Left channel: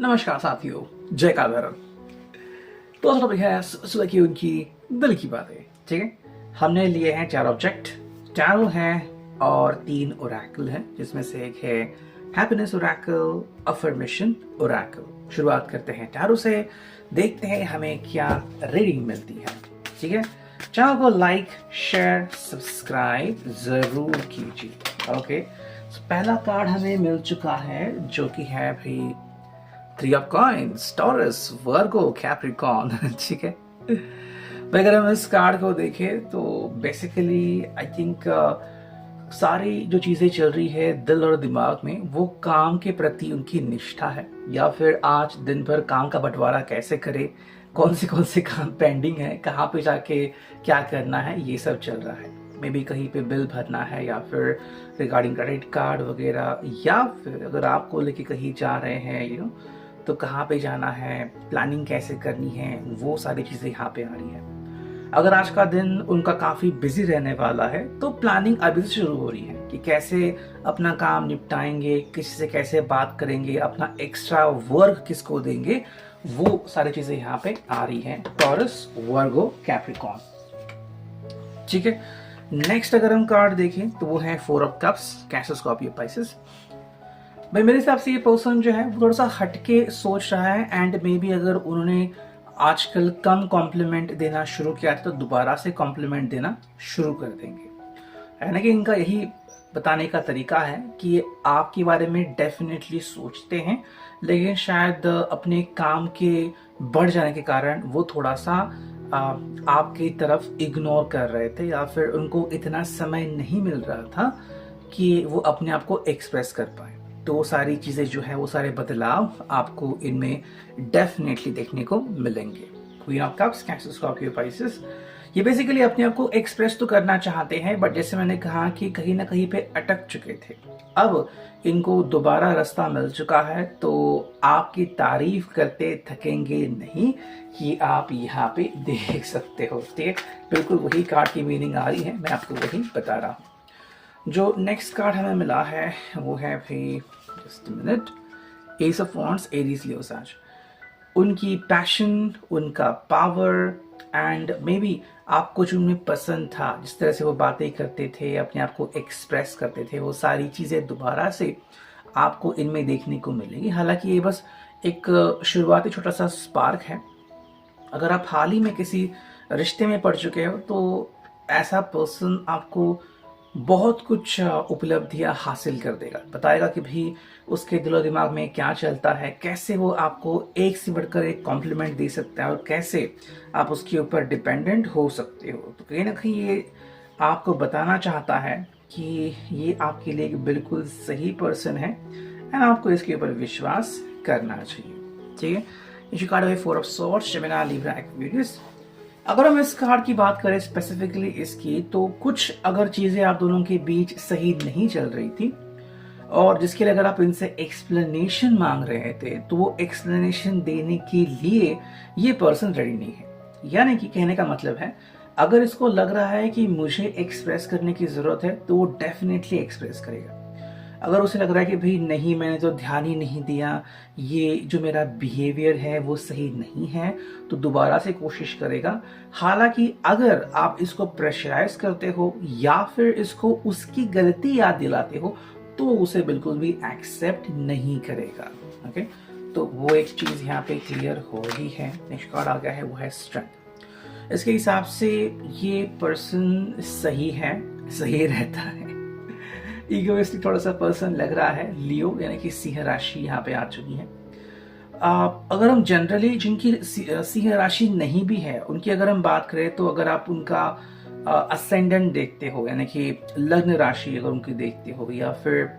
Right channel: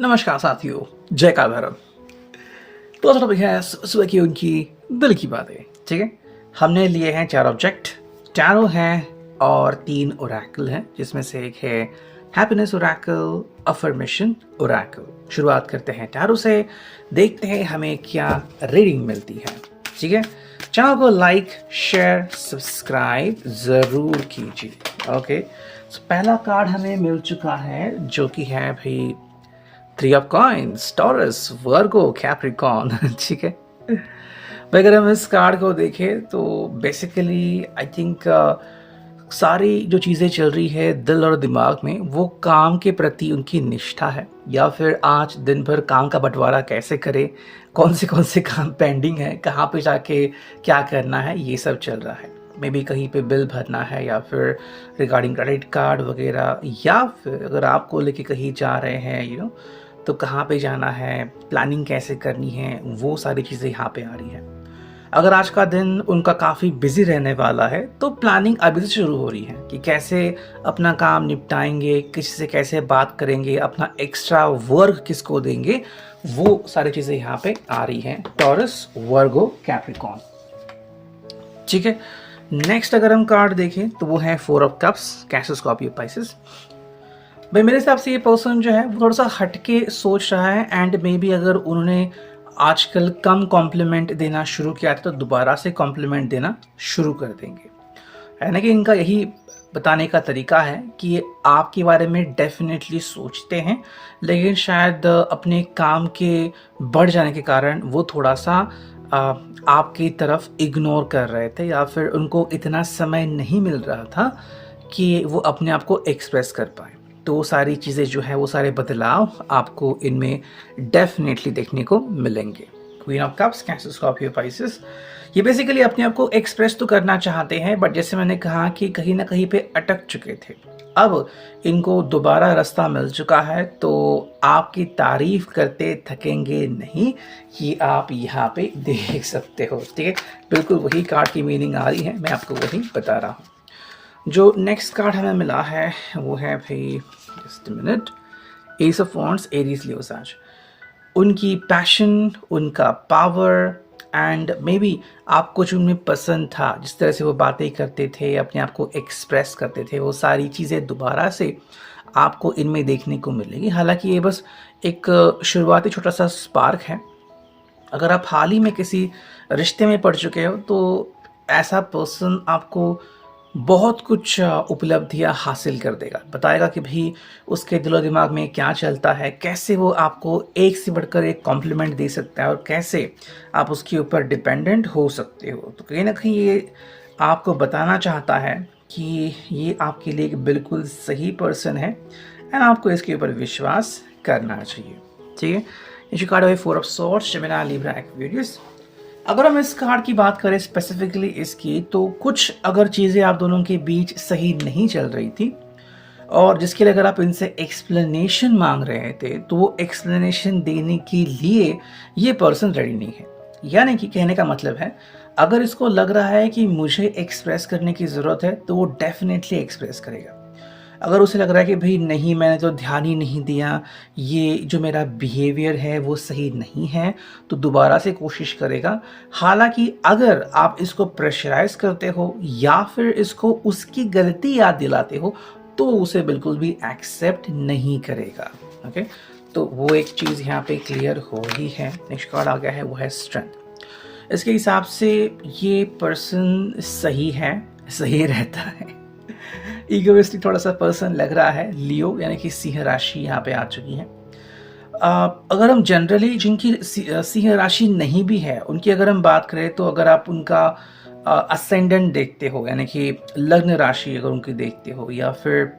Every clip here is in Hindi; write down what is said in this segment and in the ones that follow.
नमस्कार साथियों, जय काल भैरव। तो आज टॉपिक है सुबह की उनकी दिल की बातें। ठीक है, हमने लिए हैं 4 ऑब्जेक्ट, टैरो हैं और 3 ओरेकल हैं, जिसमें से एक है हैप्पीनेस ओरेकल, अफर्मेशन ओरेकल। शुरुआत करते हैं टैरो से, देखते हैं हमें क्या रीडिंग मिलती है। ठीक है, चैनल को लाइक, शेयर, सब्सक्राइब जरूर कीजिए। ओके, पहला कार्ड हमें मिल चुका है जो कि है भाई 3 of coins, taurus, Virgo, Capricorn. ठीक है, अगर हम इस कार्ड को देखें तो बेसिकली आई थिंक सारी जो चीज़ें चल रही है दिल और दिमाग में, वो काम के प्रति उनकी निष्ठा है, या फिर आज दिन भर काम का बंटवारा कैसे करें, कौन से काम पेंडिंग है, कहाँ पे जाके क्या करना है, ये सब चल रहा है। मे बी कहीं पे बिल भरना है, या फिर रिगार्डिंग क्रेडिट कार्ड वगैरह, या फिर अगर आपको लेके कहीं जा रहे हैं तो कहाँ पे जाना है, प्लानिंग कैसे करनी है, वो सारी चीज़ें यहाँ पे आ रही हैं। अगर आज का दिन उनका काफ़ी बिजी रहने वाला है तो प्लानिंग अभी से शुरू हो रही है कि कैसे अपना काम निपटाएंगे, किसी से कैसे बात करेंगे, अपना एक्स्ट्रा वर्क किसको देंगे, वो सारी चीज़ें यहाँ पे आ रही हैं। टॉरस, वर्गो, कैप्रिकॉर्न। ठीक है, नेक्स्ट अगर हम कार्ड देखें तो वो है 4 of cups, cancer, Scorpio, Pisces. भाई मेरे हिसाब से ये पर्सन जो है वो थोड़ा सा हटके सोच रहा है, एंड मे बी अगर उन्होंने आजकल कम कॉम्प्लीमेंट देना शुरू किया था तो दोबारा से कॉम्प्लीमेंट देना शुरू कर देंगे। है ना कि इनका यही बताने का तरीका है कि ये आपके बारे में डेफिनेटली सोचते हैं, लेकिन शायद अपने काम के बढ़ जाने के कारण वो थोड़ा सा आपकी तरफ इग्नोर कर रहे थे, या फिर उनको इतना समय नहीं मिल रहा था कि वो अपने आप को एक्सप्रेस कर पाए। तो वो सारी चीज़ें जो है, वो सारे बदलाव आपको इनमें डेफिनेटली देखने को मिलेंगे। Queen of cups, cancer, Scorpio, Pisces, ये बेसिकली अपने आप को एक्सप्रेस तो करना चाहते हैं, बट जैसे मैंने कहा कि कहीं ना कहीं पे अटक चुके थे। अब इनको दोबारा रास्ता मिल चुका है, तो आपकी तारीफ करते थकेंगे नहीं, ये आप यहाँ पे देख सकते हो। ठीक है, बिल्कुल वही कार्ड की मीनिंग आ रही है, मैं आपको वही बता रहा हूँ। जो नेक्स्ट कार्ड हमें मिला है वो है भाई, just minute, ace of wands, Aries, Leo, साज। उनकी पैशन, उनका पावर, एंड मे बी आपको जो उनमें पसंद था, जिस तरह से वो बातें करते थे, अपने आप को एक्सप्रेस करते थे, वो सारी चीज़ें दोबारा से आपको इनमें देखने को मिलेंगी। हालांकि ये बस एक शुरुआती छोटा सा स्पार्क है। अगर आप हाल ही में किसी रिश्ते में पड़ चुके हो तो ऐसा पर्सन आपको बहुत कुछ उपलब्धियां हासिल कर देगा, बताएगा कि भाई उसके दिलो दिमाग में क्या चलता है, कैसे वो आपको एक से बढ़कर एक कॉम्प्लीमेंट दे सकता है, और कैसे आप उसके ऊपर डिपेंडेंट हो सकते हो। तो कहीं ना कहीं ये आपको बताना चाहता है कि ये आपके लिए एक बिल्कुल सही पर्सन है, एंड आपको इसके ऊपर विश्वास करना चाहिए। ठीक है, ये कार्ड है 4 of swords, Gemini, Libra, Aquarius. अगर हम इस कार्ड की बात करें स्पेसिफिकली इसकी, तो कुछ अगर चीज़ें आप दोनों के बीच सही नहीं चल रही थी, और जिसके लिए अगर आप इनसे एक्सप्लेनेशन मांग रहे थे, तो वो एक्सप्लेनेशन देने के लिए ये पर्सन रेडी नहीं है। यानी कि कहने का मतलब है, अगर इसको लग रहा है कि मुझे एक्सप्रेस करने की ज़रूरत है तो वो डेफिनेटली एक्सप्रेस करेगा। अगर उसे लग रहा है कि भाई नहीं, मैंने तो ध्यान ही नहीं दिया, ये जो मेरा बिहेवियर है वो सही नहीं है, तो दोबारा से कोशिश करेगा। हालांकि अगर आप इसको प्रेशराइज करते हो या फिर इसको उसकी गलती याद दिलाते हो, तो उसे बिल्कुल भी एक्सेप्ट नहीं करेगा। ओके, तो वो एक चीज़ यहाँ पे क्लियर हो ही है। नेक्स्ट कार्ड आ गया है, वो है स्ट्रेंथ। इसके हिसाब से ये पर्सन सही है, सही रहता है। इगोइस्टिक थोड़ा सा पर्सन लग रहा है, लियो यानी कि सिंह राशि यहाँ पे आ चुकी है। अगर हम जनरली जिनकी सिंह राशि नहीं भी है उनकी अगर हम बात करें, तो अगर आप उनका असेंडेंट देखते हो, यानी कि लग्न राशि अगर उनकी देखते हो, या फिर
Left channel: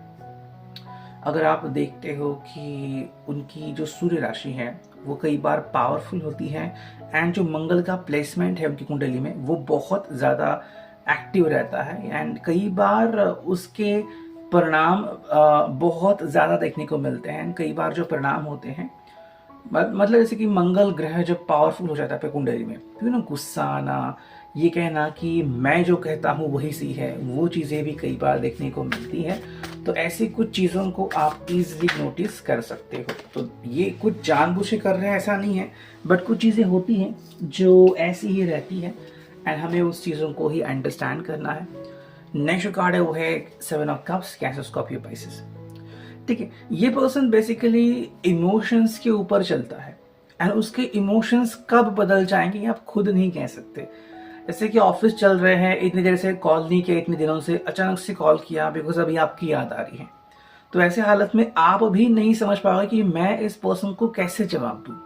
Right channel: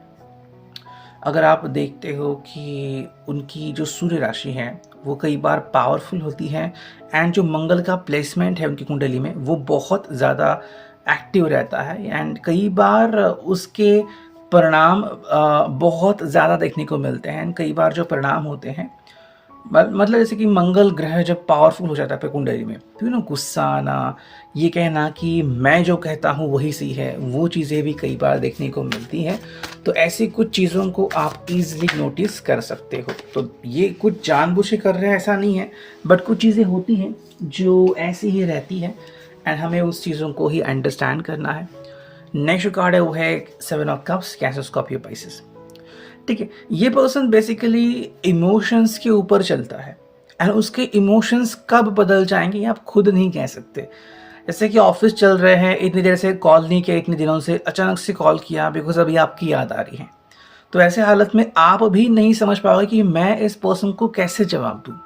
अगर आप देखते हो कि उनकी जो सूर्य राशि है वो कई बार पावरफुल होती है, एंड जो मंगल का प्लेसमेंट है उनकी कुंडली में वो बहुत ज़्यादा एक्टिव रहता है, एंड कई बार उसके परिणाम बहुत ज़्यादा देखने को मिलते हैं। कई बार जो परिणाम होते हैं मतलब जैसे कि मंगल ग्रह जब पावरफुल हो जाता है आपके कुंडली में, तो गुस्सा आना, ये कहना कि मैं जो कहता हूँ वही सही है, वो चीज़ें भी कई बार देखने को मिलती हैं। तो ऐसी कुछ चीज़ों को आप इजीली नोटिस कर सकते हो। तो ये कुछ जानबूझ के कर रहे हैं ऐसा नहीं है, बट कुछ चीज़ें होती हैं जो ऐसी ही रहती हैं एंड हमें उस चीज़ों को ही अंडरस्टैंड करना है। नेक्स्ट जो कार्ड है वो है 7 of cups, cancer, Scorpio, Pisces. ठीक है, ये पर्सन बेसिकली इमोशंस के ऊपर चलता है एंड उसके इमोशंस कब बदल जाएंगे ये आप खुद नहीं कह सकते। जैसे कि ऑफिस चल रहे हैं, इतनी देर से कॉल नहीं किया, इतने दिनों से अचानक से कॉल किया बिकॉज अभी आपकी याद आ रही है। तो ऐसे हालत में आप भी नहीं समझ पाओगे कि मैं इस पर्सन को कैसे जवाब दूँ।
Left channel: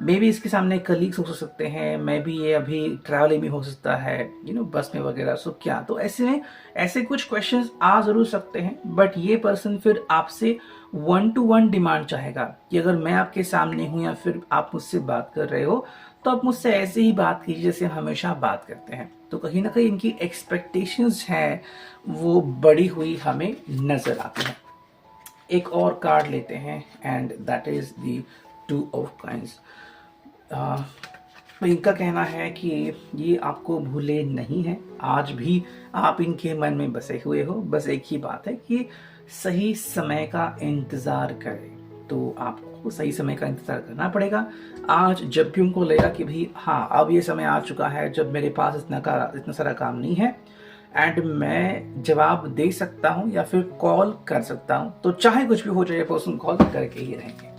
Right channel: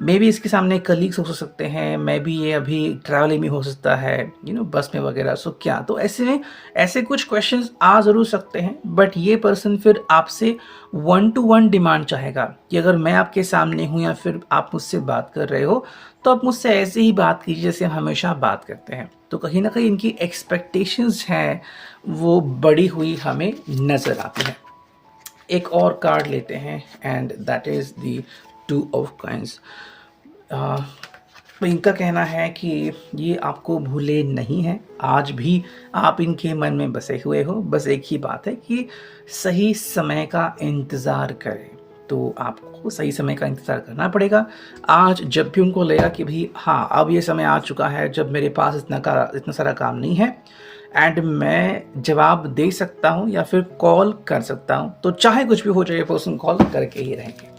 मे बी इसके सामने कलीग्स हो सकते हैं, मे बी ये अभी ट्रैवलिंग में हो सकता है, बस में वगैरह। सो क्या, तो ऐसे में ऐसे कुछ क्वेश्चंस आ ज़रूर सकते हैं, बट ये पर्सन फिर आपसे 1-to-1 डिमांड चाहेगा कि अगर मैं आपके सामने हूँ या फिर आप मुझसे बात कर रहे हो तो आप मुझसे ऐसे ही बात कीजिए जैसे हम हमेशा बात करते हैं। तो कहीं ना कहीं इनकी एक्सपेक्टेशंस हैं वो बड़ी हुई हमें नज़र आती है। एक और कार्ड लेते हैं and that is the 2 of coins. तो इनका कहना है कि ये आपको भूले नहीं हैं, आज भी आप इनके मन में बसे हुए हो। बस एक ही बात है कि सही समय का इंतज़ार करें। तो आपको सही समय का इंतज़ार करना पड़ेगा। आज जब भी उनको लगेगा कि भाई हाँ, अब ये समय आ चुका है जब मेरे पास इतना सारा काम नहीं है एंड मैं जवाब दे सकता हूँ या फिर कॉल कर सकता हूँ, तो चाहे कुछ भी हो जाए पर्सन कॉल करके ही रहेंगे।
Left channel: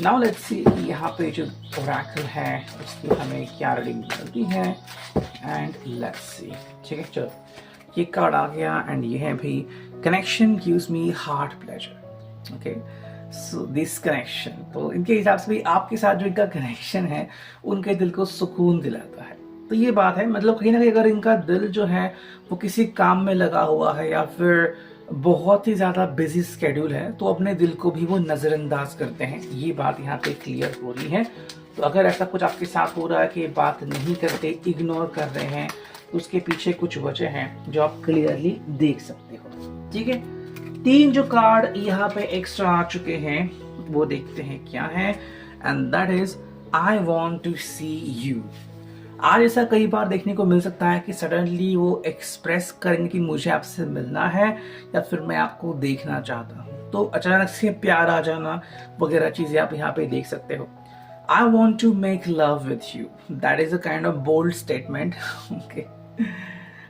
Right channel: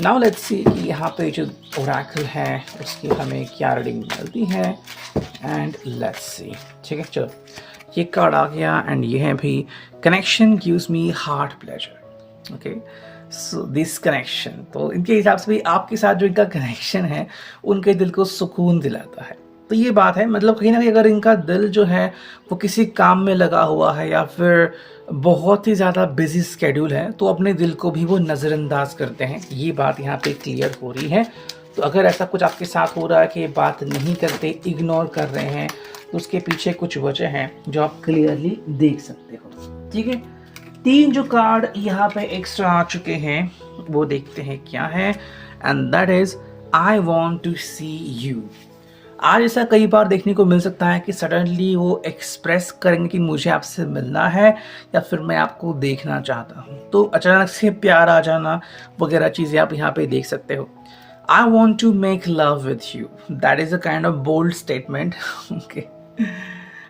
नाउ लेट्स सी कि यहाँ पे जो ओरेकल है उसकी हमें क्या रीडिंग मिलती है एंड लेट्स सी। ठीक है, चलो ये कार्ड आ गया एंड ये है भी connection gives me heart pleasure. Okay, so this connection, तो इनके हिसाब से भी आपके साथ जो इनका कनेक्शन है उनके दिल को सुकून दिलाता है। तो ये बात है, मतलब कहीं ना कहीं अगर इनका दिल जो है वो किसी काम में लगा हुआ है या फिर बहुत ही ज़्यादा बिजी स्केड्यूल है तो अपने दिल को भी वो नज़रअंदाज करते हैं। ये बात यहाँ पे क्लियर हो रही है। तो अगर ऐसा कुछ आपके साथ हो रहा है कि बात नहीं करते, इग्नोर कर रहे हैं, तो उसके पीछे कुछ वजह हैं जो आप क्लियरली देख सकते हो। ठीक है, 3 जो कार्ड यहाँ पे एक्स्ट्रा आ चुके हैं वो देखते हैं क्या है and that is I want to see you. आज ऐसा कई बार देखने को मिल सकता है कि सडनली वो एक्सप्रेस करेंगे कि मुझे आपसे मिलना है या फिर मैं आपको देखना चाहता हूँ। तो अचानक से प्यार आ जाना वगैरह चीज़ें आप यहाँ पे देख सकते हो। I want to make love with you, that is a kind of bold statement. Okay,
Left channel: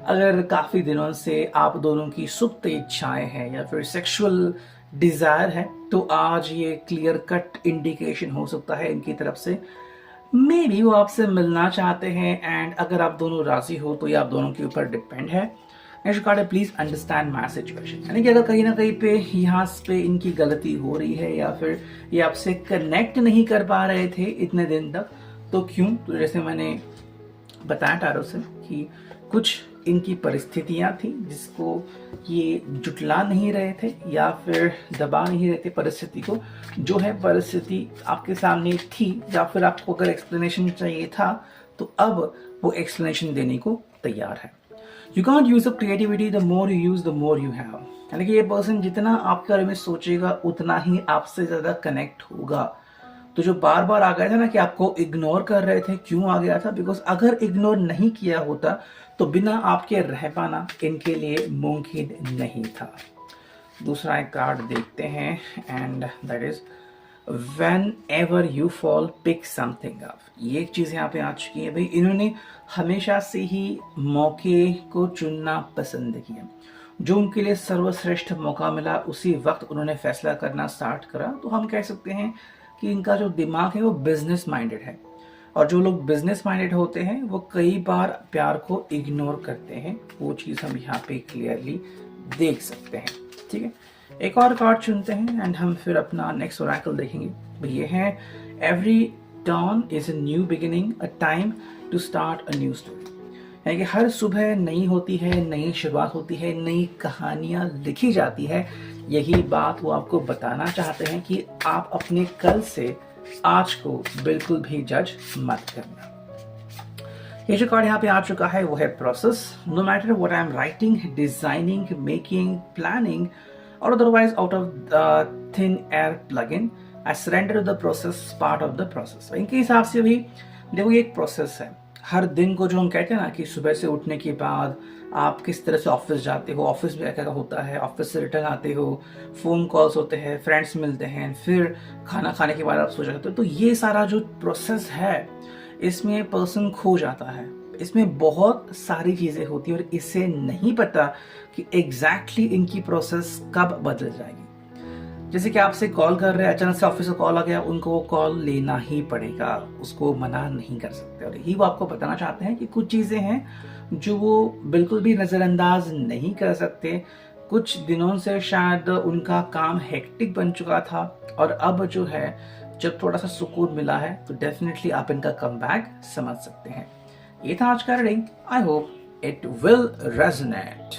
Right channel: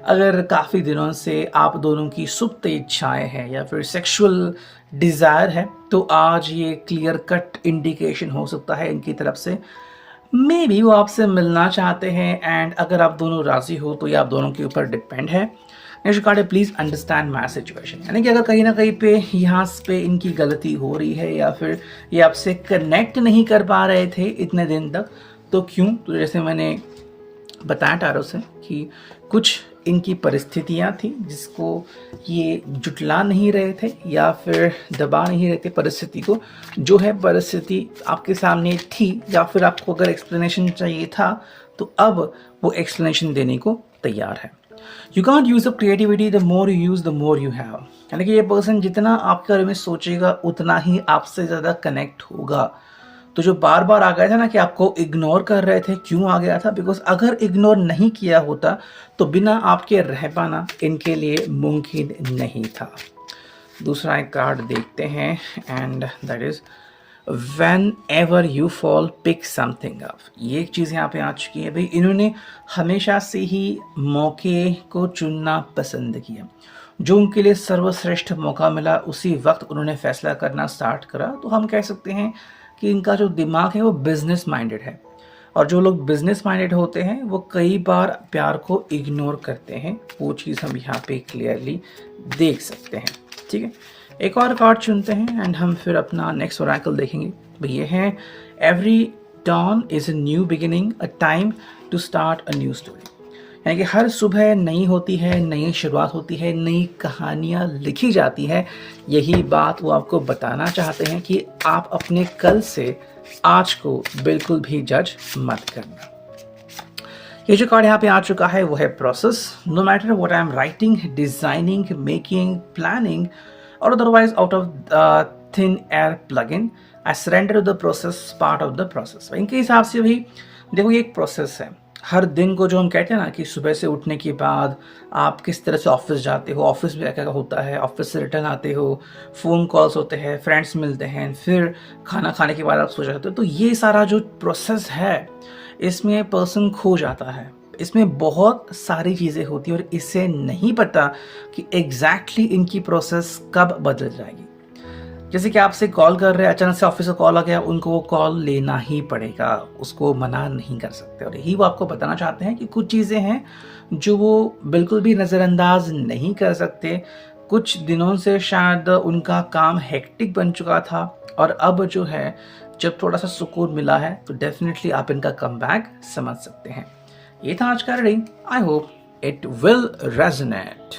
अगर काफ़ी दिनों से आप दोनों की सुप्त इच्छाएं हैं या फिर सेक्सुअल डिज़ायर है तो आज ये क्लियर कट इंडिकेशन हो सकता है इनकी तरफ से। मे बी वो आपसे मिलना चाहते हैं एंड अगर आप दोनों राजी हो तो ये आप दोनों के ऊपर डिपेंड है। नेक्स्ट कार्ड है प्लीज अंडरस्टैंड माई सिचुएशन, यानी कि अगर कहीं ना कहीं पे यहाँ पे इनकी गलती हो रही है या फिर ये आपसे कनेक्ट नहीं कर पा रहे थे इतने दिन तक, तो क्यों, तो जैसे मैंने बताया टारो से कि कुछ इनकी परिस्थितियां थी जिसको ये जुटला नहीं रहे थे या फिर दबा नहीं रहे थे परिस्थिति को। जो है परिस्थिति आपके सामने थी या फिर आपको अगर एक्सप्लेनेशन चाहिए था तो अब वो एक्सप्लेनेशन देने को तैयार है। You can't use the creativity, the more you use the more you have, यानी कि ये पर्सन जितना आपके बारे में सोचेगा उतना ही आपसे ज़्यादा कनेक्ट होगा। तो जो बार बार आ गया था ना कि आपको इग्नोर कर रहे थे, क्यों आ गया था, बिकॉज अगर इग्नोर नहीं किया होता तो बिना आपके रह पाना इनके लिए मुमकिन नहीं था। दूसरा एक कार्ड देखते हैं and that is whenever you fall pick something up. ये एक चीज़ यहाँ पे आ चुकी है भाई, इन्होंने हमेशा से ही मौके को चुनना पसंद किया। जो उनके लिए सर्वश्रेष्ठ मौका मिला उसी वक्त उन्होंने फैसला करना स्टार्ट करा। तो हम कह सकते हैं कि इनका जो दिमाग है वो बिजनेस माइंडेड है, और जो लोग बिजनेस माइंडेड होते हैं वो कई बार प्यार को इग्नोर करते हैं। वो चीज़ हम यहाँ पे क्लियरली देख सकते हैं। ठीक है, एक और कार्ड चुनते हैं एंड हम फिर अपना नेक्स्ट ओरेकल देखेंगे। ये है every dawn is a new beginning, a time to start a new story, यानी कि हर सुबह नई होती है, नई शुरुआत होती है, नई कहानियाँ लिखी जाती है। यही बात वो आपको बताना चाहते हैं कि आप अपने कल से आज को बिल्कुल भी जज मत करना। ये जो कार्ड यहाँ पे आ चुका है वो है process. No matter what I am writing, designing, making, planning और otherwise out of thin air plug in, I surrender to the process, part of the process. इनके हिसाब से भी देखो, ये एक प्रोसेस है। हर दिन को जो हम कहते हैं ना कि सुबह से उठने के बाद आप किस तरह से ऑफिस जाते हो, ऑफिस में क्या क्या होता है, ऑफिस से रिटर्न आते हो, फ़ोन कॉल्स होते हैं, फ्रेंड्स मिलते हैं, फिर खाना खाने के बाद आप सो जाते हो। तो ये सारा जो प्रोसेस है, इसमें पर्सन खो जाता है। इसमें बहुत सारी चीज़ें होती हैं और इसे नहीं पता कि एग्जैक्टली इनकी प्रोसेस कब बदल जाएगी। जैसे कि आपसे कॉल कर रहे हैं, अचानक से ऑफिस से कॉल आ गया, उनको वो कॉल लेना ही पड़ेगा, उसको मना नहीं कर सकते। और यही वो आपको बताना चाहते हैं कि कुछ चीज़ें हैं जो वो बिल्कुल भी नज़रअंदाज नहीं कर सकते। कुछ दिनों से शायद उनका काम हेक्टिक बन चुका था और अब जो है, जब थोड़ा सा सुकून मिला है तो डेफिनेटली आप इनका कमबैक समझ सकते हैं। ये था आज का reading. I hope it will resonate.